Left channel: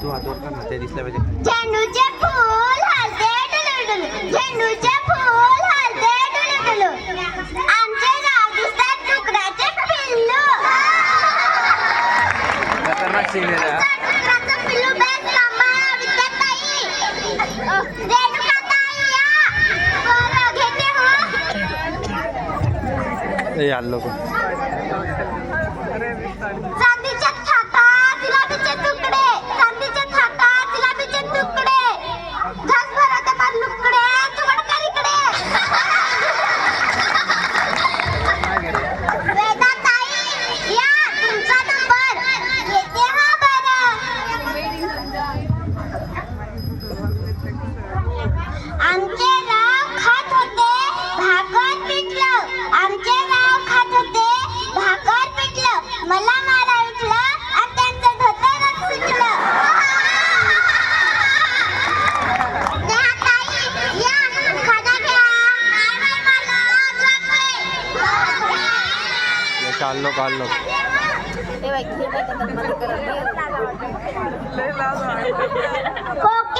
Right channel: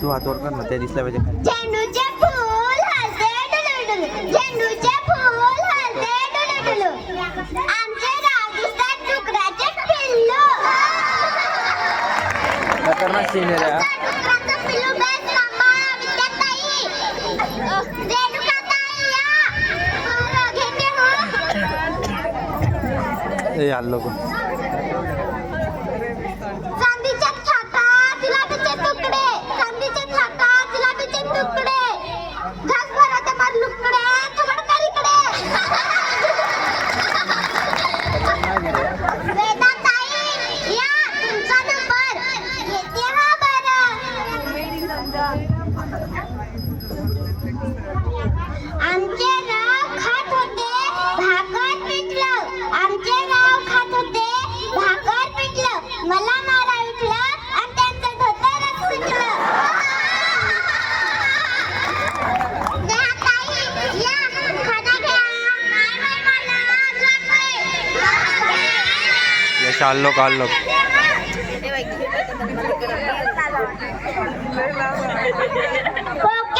तू हात वर कर ना ते दिसला पाहिजे. झेंडूचे फूल हलते डुलुडुलु झेंडूचे फूल हलते डुलुडुलु आमचे रागिस्तान डुकराचे पिल्लू. खतरनाक सीन पिल्लू बेस लंबा विद्या ताई ताई या. हो घेते हो. चाललो काढलो. ओके.